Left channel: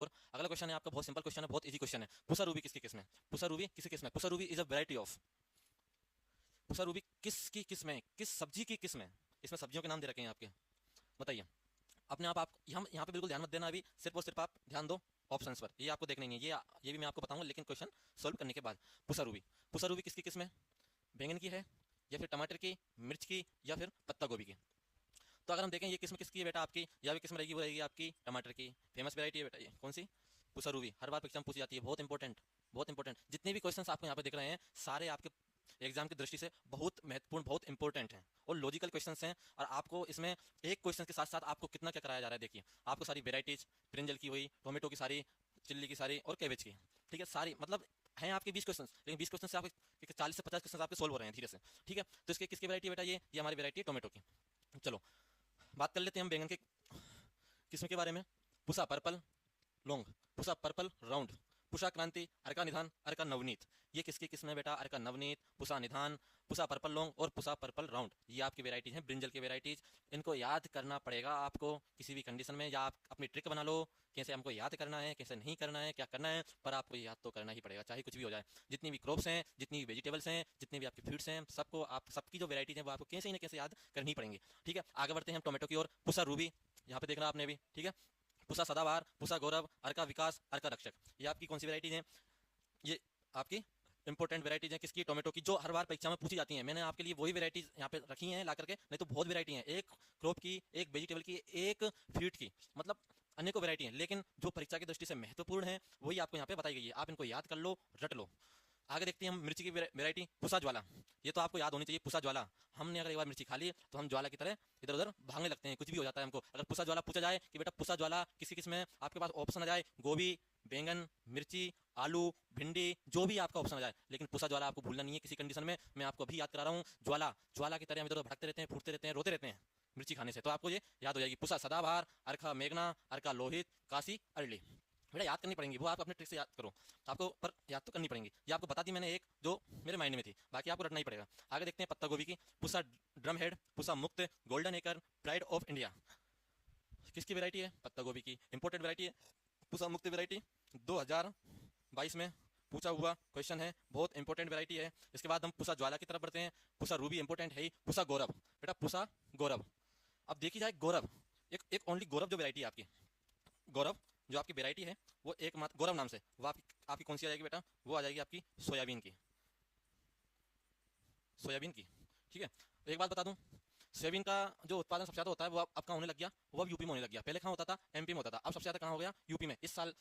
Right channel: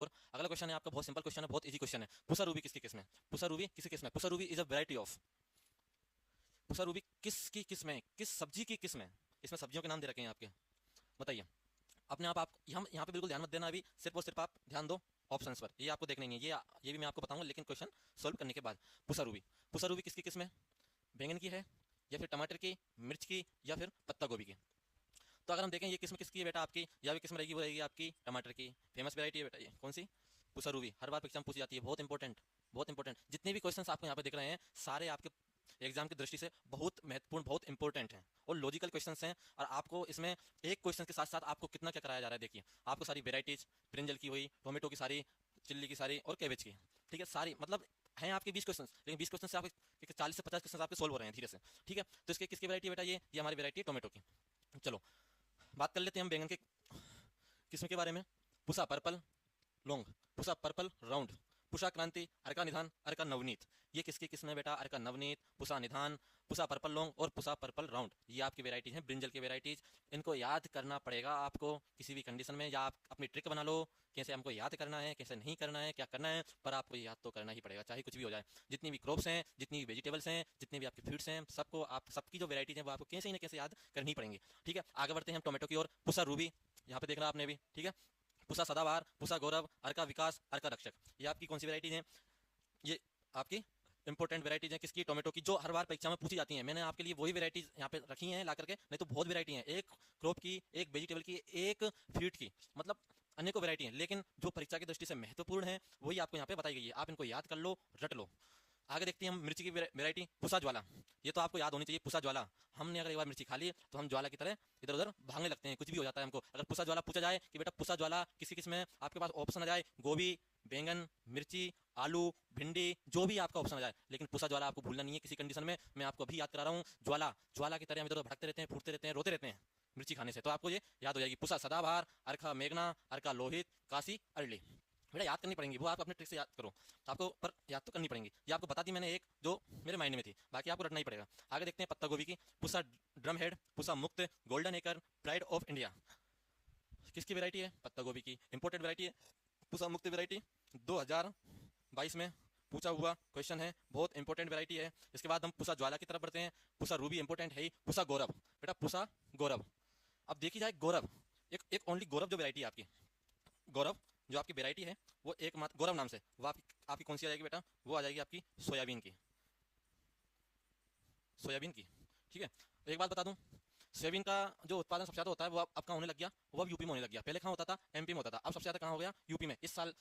और अगला क्वेश्चन है आपका, बहुत सिंपल क्वेश्चन है, बहुत इजी क्वेश्चन है। पुसा रूबी किसकी किस्म है? पुसा रूबी किसकी किस्म है? Pusa Ruby is a variety of, Pusa Ruby किसकी किस्म है? किस सब्जी की किस्म है? इसमें सब्जियों के नाम दे रखे हैं आपके, बताइए। अपने आप हम यहाँ पे बिल्कुल ध्यान मत देना, अभी सिर्फ और सिर्फ आप ध्यान दो ऑप्शंस पर, ये आपको देखने नहीं है, ये भी मैं आपको बताऊंगा लेकिन क्वेश्चन सोल्व करने के बाद। पुसा रूबी, पुसा रूबी किसकी किस्म है? बैंगन की है, या फिर टमाटर की, मिर्च की, या फिर पत्ता गोभी की? तो अगर हम देखें ये किस्म किसकी है बेटा आपकी, या किस्म रहेगी वो रहेगी आपकी टमाटर की। फेमस वैरायटी है बेटा ये, कौन सी? पुसा रूबी। हर बार परीक्षा में पूछी जाती है, बहुत इंपॉर्टेंट, बहुत इंपॉर्टेंट। जितने भी क्वेश्चंस आपको यहाँ पे दिख रहे हैं सारे आपके एग्जाम की दृष्टि से बहुत महत्वपूर्ण, बहुत इंपॉर्टेंट हैं और लॉजिकल क्वेश्चंस हैं। और आपको इसमें एक क्वेश्चन के साथ साथ आपको कितना क्या कराया जा रहा है, देखिए। आपको सारी वेराइटीज, ब्रिंजल की हुई, टोमेटो की सारी, चिल्ली की सारी, और कैबेज की, ठीक है, सारी, मतलब हैं आपके 20 क्वेश्चन, लेकिन 20 क्वेश्चन से आपके 40 से 50 क्वेश्चन आपके सोल्व हो रहे हैं, ठीक है। ठीक है, तो इसके किसकी वैरायटी बेटा? ये हमारी वैरायटी है टोमेटो की। चलो बात कर लेते हैं हम बैंगन के किसी के बारे में। Pusa purple round, Pusa purple round, Pusa Kranti, Arka निधान, अर्का नवनीत। ये किसकी किस्म है बेटा? अर्का नवनीत, पुषा निधान, पुषा पर्पल लॉन्ग और पुषा पर्पल राउंड। ये आपकी वेराइटीज हैं, ब्रिंजल की वेराइटीज। इनको याद करना पड़ेगा आपको किसी भी कंडीशन में, या आप अपनी ट्रिक बना लो कैसे हमको याद करना है, कैसे नहीं करना है, क्या करना है, पर आपको याद तो करना ही पड़ेगा, चाहे कुछ भी हो जाए। जितनी भी क्रॉप्स हैं, जितनी भी वेजिटेबल्स हैं, जितने भी आपके फ्रूट्स हैं, सबको आप, सबकी जो वेराइटीज है वो आपको कैसे न कैसे याद करनी पड़ेंगी, ठीक है। आगे बढ़ते हैं हम टोमेटो की ओर। पुषा रूबी, यहाँ पे देखना आपने भी, ठीक है। पुषा सदाबहार, पुषा गौरव, अर्का विकास, अर्का रक्षक। ये आपकी कौन सी वेराइटीज है? ये आपकी इंपोर्टेंट वेराइटीज है किसकी? टोमेटो की, जो हर बार परीक्षा में पूछी जाती है। मैंने आपके लिए वही वेराइटीज यहाँ पे रखी हैं ला करके, नहीं तो बहुत वेराइटी है, एक क्रॉप की, एक वेजिटेबल की, एक फ्रूट की, मतलब अनेकों वेराइटी है, लेकिन जो परीक्षा की दृष्टि से महत्वपूर्ण है वही आपको यहाँ पे बताई गई है। आप इनको याद कर लो, रट लो। आगे देखते हैं हम मिर्ची की वेराइटी, पुसा ज्वाला। ये तो आपको याद होनी चाहिए, पुसा ज्वाला। हमने अगर एक बार मिर्ची खा ली तो हम ज्वाला की तरह इधर उधर भागने लगते हैं, कुछ भी हो जाता है हमको। अगर पुसा ज्वाला पूछा जाए कि बेटा पुसा ज्वाला किसी किस्म में, आपके पास ऑप्शन आ जाए गोभी, बैंगन, मिर्ची, आलू, भिंडी, जो भी आपका ऑप्शन आ जाए, लेकिन पुसा ज्वाला आपको भूलना नहीं है किसी कंडीशन में। मैं आपको अभी याद करा रहा हूँ, ज्वाला, ज्वाला की तरह हम इधर भागते रहते हैं, फूटते रहते हैं, रोते रहते हैं मिर्ची खाने से, तो आपको ये याद हो जाएगी। पुसा सदाबहार, अर्का मेघना, अर्का लोहित, काशी अरली। बेटा याद करनी पड़ेंगी वो, आप अपने ट्रिक से याद करो, तो आपको पर याद तो करनी पड़ेंगी। ये आपको बता दी मैंने एक जो मेरे माइंड में थी, बाकी आपको रटना ही पड़ेगा। आगे देखते हैं पत्ता गोभी की। पुसा ड्रम हेड, पुसा मुक्त, golden acre, pride of India. किसकी वैरायटी है? पत्ता गोभी की, इंपोर्टेड वैरायटी है। पुसा मुक्त वैरायटी 2022 में पूछा हुआ क्वेश्चन है, बहुत इंपॉर्टेंट वैरायटी है। इसके बाद हम पुसा ज्वाला की तरफ बढ़ते हैं। पुसा रूबी इंपोर्टेंट है ही। पुसा गौरव, बेटा पुसा गौरव। अब देखी जाए गौरव, एक ओनली गौरव जो वैरायटी है आपकी, गौरव जो आपकी वैरायटी है वो एकमात्र गौरव नाम से, वो आपकी कौन सी आ जाएगी बेटा? वो आ जाएगी आपकी सोयाबीन की, सोयाबीन की, ठीक है। एक बात बता दूं, सोयाबीन का जो उत्पादन सबसे ज्यादा होता है वो आपका होने लग गया, वो अब यूपी में होने लग गया। पहले कहाँ होता था? एमपी में होता था, अब सबसे ज्यादा कहाँ हो गया? यूपी में। इस साल